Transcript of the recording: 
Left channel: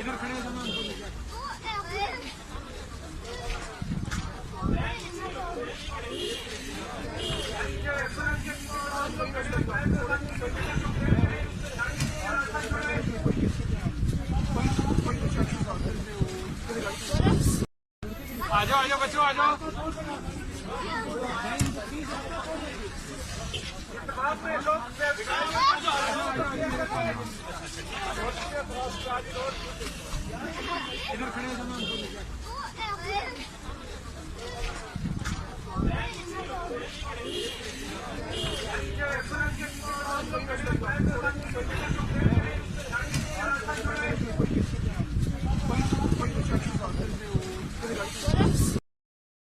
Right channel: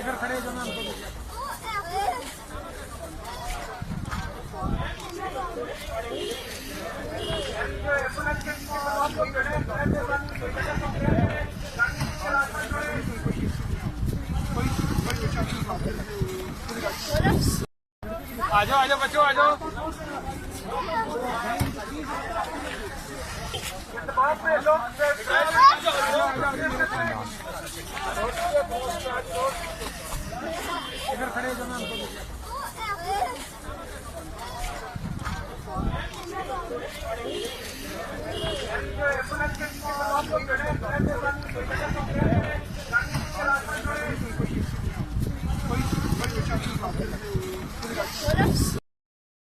इधर खड़े हो जाना। आ जाओ बच्चों आ जाओ। इधर खड़े हो जाना।